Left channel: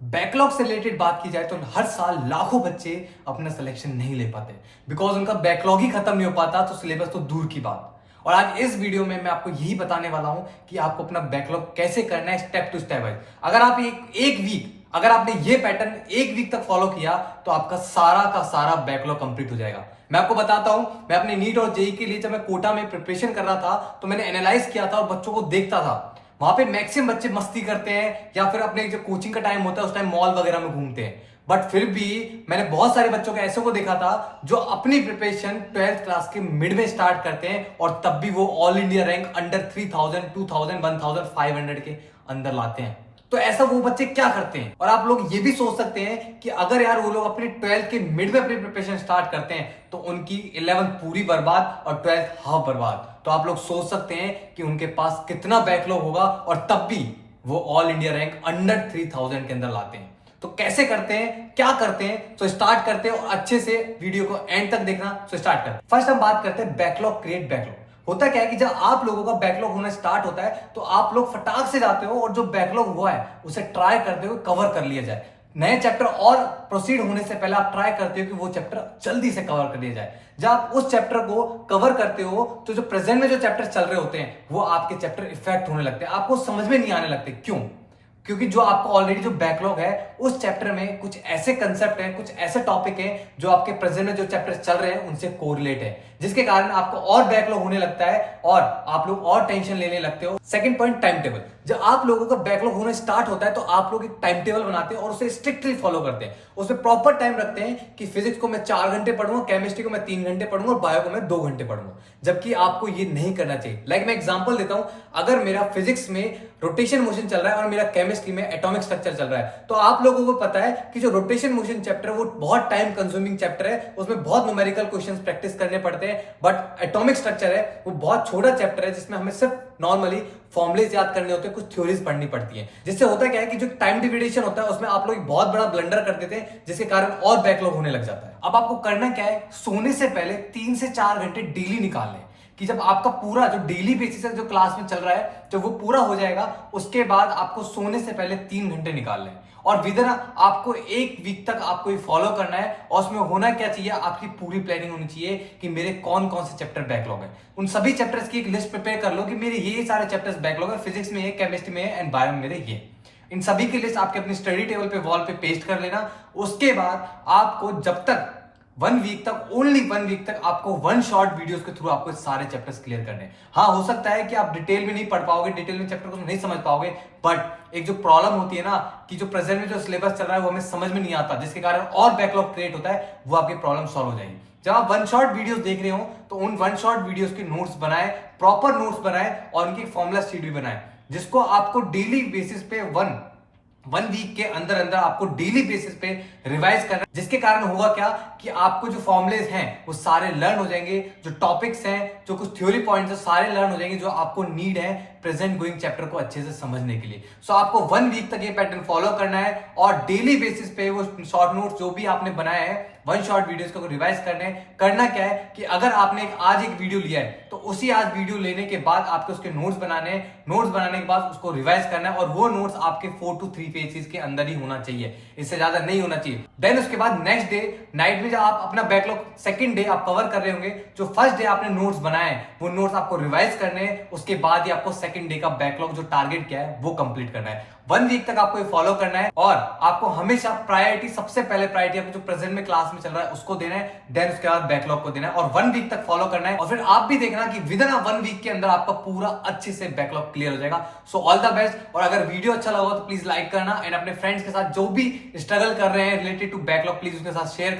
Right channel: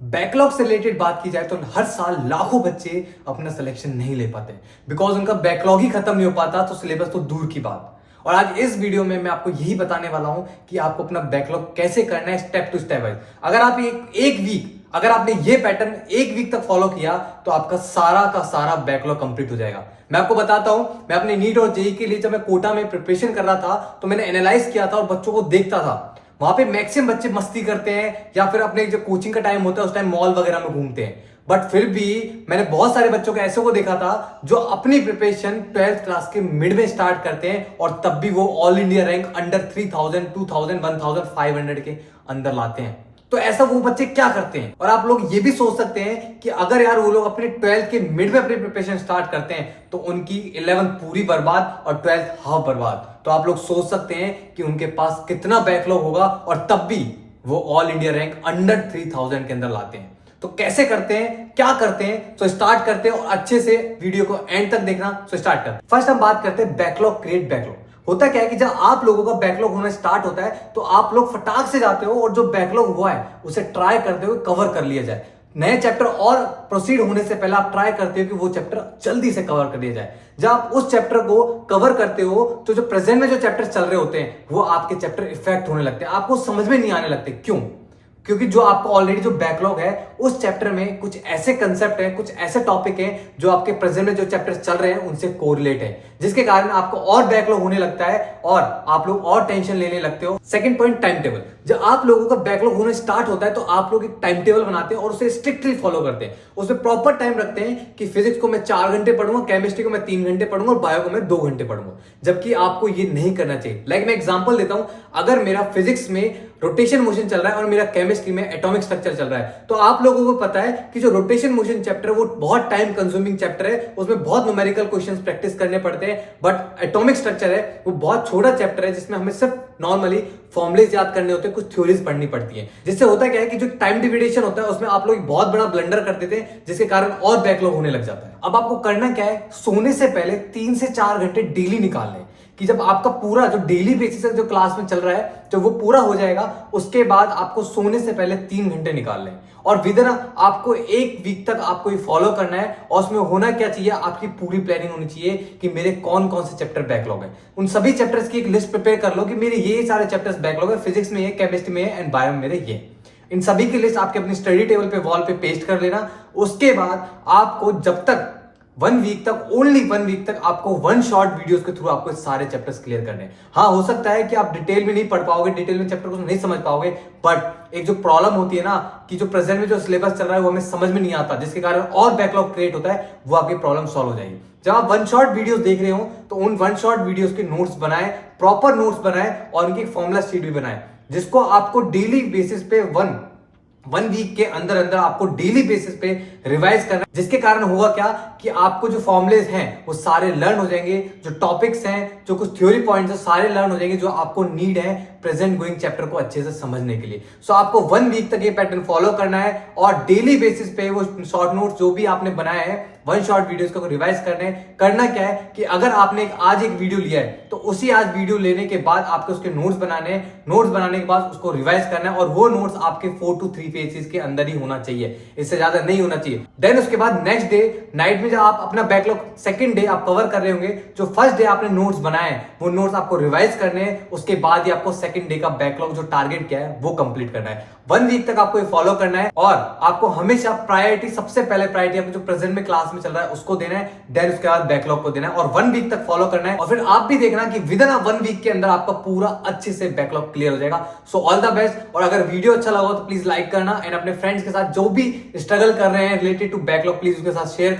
Backlog से related बात की जाए तो हर साल लाखों बच्चे अपना सिलेक्शन नहीं ले पाते बिकॉज उनका बैकलॉग ही खत्म नहीं हो पाता, तो सिलेबस तो दूर की बात। और आज इस वीडियो में मैं आपको यही बताने वाला हूं कि आपको अपना बैकलॉग कैसे करना है स्टेप टू स्टेप वाइज। अगर आप एक वीक अगर आपने ये पैटर्न एक वीक तक फॉलो किया तो आपका सारा का सारा बैकलॉग कंप्लीट हो जाएगा। मैं आपको बताता हूं, मैं अपने नीट और जेई के लिए जब मैं कोटा में प्रिपरेशन कर रहा था तो मैंने एनालाइज किया था और बच्चों को देखता था। वहां पे मैक्सिमम बच्चे मस्ती करते हैं या फिर अपने जो कोचिंग का टाइम होता है उस टाइम मॉल वगैरह में घूमते हैं। बट फिर भी मैंने बहुत सारे बच्चों को ऐसे को देखा था जो अपनी प्रिपरेशन 12th क्लास के मिड में स्टार्ट करते हैं और तब भी वो ऑल इंडिया रैंक अंडर 3000 2000 1500 के अंदर लाते हैं। तो ऐसा वो बच्चे क्या करते हैं? और आप लोग ये भी सोच सकते हैं कि अगर यार वो लोग अपने 12th के मिड में अपनी प्रिपरेशन स्टार्ट करते हैं तो उनकी 11th पूरी बर्बाद और 12th हाफ बर्बाद। तो आप लोग सोच सकते हैं कि उनके पास कितना बैकलॉग होगा और तब भी वो ऑल इंडिया रैंक अंडर 3000 के अंदर लाते हैं। तो कैसे करते हैं, क्या करते हैं? तो स्टार्ट करते हैं और अच्छे से वीडियो को एंड तक देखना। तो स्टार्ट करते हैं। फर्स्ट हम बात करते हैं बैकलॉग क्रिएट बैकलॉग। होता क्या है कि जब आप लोगों का बैकलॉग होना स्टार्ट होता है तो आप लोग फटाक से जाते हो और जो बैकलॉग हुआ है उसे ट्राई करते हुए कवर कर लिया जाए। नए चैप्टर और प्रोसीड होने से पहले आप ट्राई करते हो कि वो चैप्टर जल्दी से कवर कर लिया जाए। जब आप उस चैप्टर को कवर करते हो तो जो प्रेजेंट में जो चैप्टर चल रहे होते हैं वो आपके चैप्टर इफेक्ट होने लगते हैं, आपको समझ में नहीं आने लगते। क्यों? क्योंकि जो आपको ऑलरेडी जो बैकलॉग है उस चैप्टर में कुछ ऐसे कंसेप्ट है, कुछ ऐसे टॉपिक है जो आपके प्रेजेंट में जो चैप्टर चल रहे हैं उनसे कोरिलेट है, जिसके कारण आपको और बैकलॉग होने लगता है और आप लोग और टेंशन लेने लगते हो। Second point, time table. जब आप लोगों का बैकलॉग होना स्टार्ट होता है तो आप लोग एक टाइम टेबल बनाते हैं और उसे स्ट्रिक्टली फॉलो करते हैं। उसमें प्रॉपर टाइम रखते हैं कि फिजिक्स को मैं 4 घंटे पढ़ूंगा, केमिस्ट्री को मैं 3 घंटे पढ़ूंगा और बायो को मैं 2 घंटे पढ़ूंगा। जबकि आपको ये नहीं करना चाहिए। लाइक मैं एग्जांपल देता हूं, अगर मेरा फिजिक्स में रोटेशन मोशन चल रहा है और मेरा केमिस्ट्री में एटॉमिक स्ट्रक्चर चल रहा है तो आप लोगों को पता है कि जो रोटेशन मोशन चैप्टर है वो बहुत टाइम कंज्यूमिंग चैप्टर है, उसमें बहुत न्यूमेरिकल क्वेश्चंस प्रैक्टिस करने पड़ते हैं। बट एटॉमिक स्ट्रक्चर है वो बहुत छोटा चैप्टर है जिसमें हमें सिर्फ नॉर्मली फॉर्मुलेज याद करने होते हैं, कुछ थ्योरीज पढ़नी पड़ती है। जिससे होता क्या है कि जो टाइम डिविडेशन होता है उसमें आप लोग बहुत बड़ा ब्लंडर कर देते हैं जिसके कारण और बैकलॉग होने लग जाता है। अब आपको करना क्या है, सोने से पहले 3 से 4 घंटे डेली निकाल लें कि जब आपका पूरा जो डेली बेसिस जो क्लास में चल रहा है जब वो पूरा हो जाएगा उसके बाद आपको सोने से पहले 3 घंटे निकाल लें। और विदिन आपको एक वीक तक आपको ये फॉलो करना है और उसमें होना क्या चाहिए, आपकी पूरी प्लानिंग होनी चाहिए कि मेरे कौन कौन से चैप्टर बैकलॉग है। उन सभी चैप्टर्स की एक लिस्ट प्रिपेयर कर लो कि मेरे ये सारे चैप्टर्स बैकलॉग है, फिजिक्स में ये, केमिस्ट्री में एंड बायो में मेरे ये। इन सभी की लिस्ट आपके अपनी स्टडी टेबल पे वॉल पे पेस्ट कर लेना। उसके बाद आपको जब तक 1 वीक तक, ओनली 1 वीक तक आपको 1 शॉर्ट वीडियोस के थ्रू आपको सारे चैप्टर्स क्लियर करने हैं। हाँ, हो सकता है कि आप डिटेल में नहीं पढ़ पाओगे, डिटेल में चैप्टर को नहीं समझ पाओगे, बट एक जो प्रॉब्लम होती है ना कि जो प्रेजेंट में जो सिलेबस चल रहा है वो हमें समझ में नहीं आता, जिसके कारण और बैकलॉग क्रिएट होता है, वो आपकी प्रॉब्लम सॉल्व हो जाएगी। जब आप 1 शॉर्ट वीडियोस देख रहे हो तो उन 1 शॉर्ट वीडियोस के नोट्स बनाए, प्रॉपर नोट्स बनाए और उनकी फॉर्मुला शीट भी बनाए, जिसको आपको डेली बेसिस पे वन वीक के अंदर अंदर आपको डेली बेसिस पे रिवाइज करना। जिसके कारण होगा क्या कि आपको जो फॉर्मुलेज हैं वो सारे लर्न हो जाएंगे, जो टॉपिक्स हैं, जो कुछ थ्योरी पॉइंट्स हैं, सारे लर्न हो जाएंगे जो आपको नीड है प्रेजेंट गोइंग चैप्टर को अच्छे से समझने के लिए। सो आपको 1 वीक तक ये पैटर्न फॉलो करना है और डेली बेसिस पे वो शॉर्ट नोट्स जो भी आपने बनाए हैं 1 शॉर्ट वीडियोस को रिवाइज करना क्या है कि अगर आपने आज एक वीडियो लिया है तो उसी आज वीडियो लेने के बाद आपको उसके नोट्स बनाने हैं, नोट्स बनाने के बाद उसको रिवाइज करना है और वो नोट्स आपके 4 to 3 पेजेस के अंदर ही होना चाहिए, इससे ज्यादा नहीं होना चाहिए। देन उसके बाद नेक्स्ट डे नाइट में जब आप अपना बैकलॉग सेकंड डे आप कवर कर रहे होंगे, जो फर्स्ट डे आपने नोट्स बनाए वो नोट्स आपको रिवाइज करने हैं। उसके बाद ही आपको सेकंड डे का बैकलॉग जो टारगेट किया है वो कंप्लीट करना है। 1 वीक तक आपको ये फॉलो करना है और आपको हमेशा प्रायोरिटी, सबसे पहले प्रायोरिटी आपको जो प्रेजेंट में क्लास में चल रहा है उसको देना है, देन उसके बाद बैकलॉग को देना है और 1 वीक तक फॉलो करना है। और फिर आप भी देखना कि विद इन 1 वीक के अंदर आपका पूरा अच्छे से बैकलॉग क्लियर हो जाएगा। So all the best. और अगर वीडियो अच्छा लगा हो तो प्लीज लाइक करना एंड अपने फ्रेंड्स के साथ जो भी स्ट्रगल कर रहे हैं रिलेटेड टू बैकलॉग प्लीज उसके साथ शेयर करना।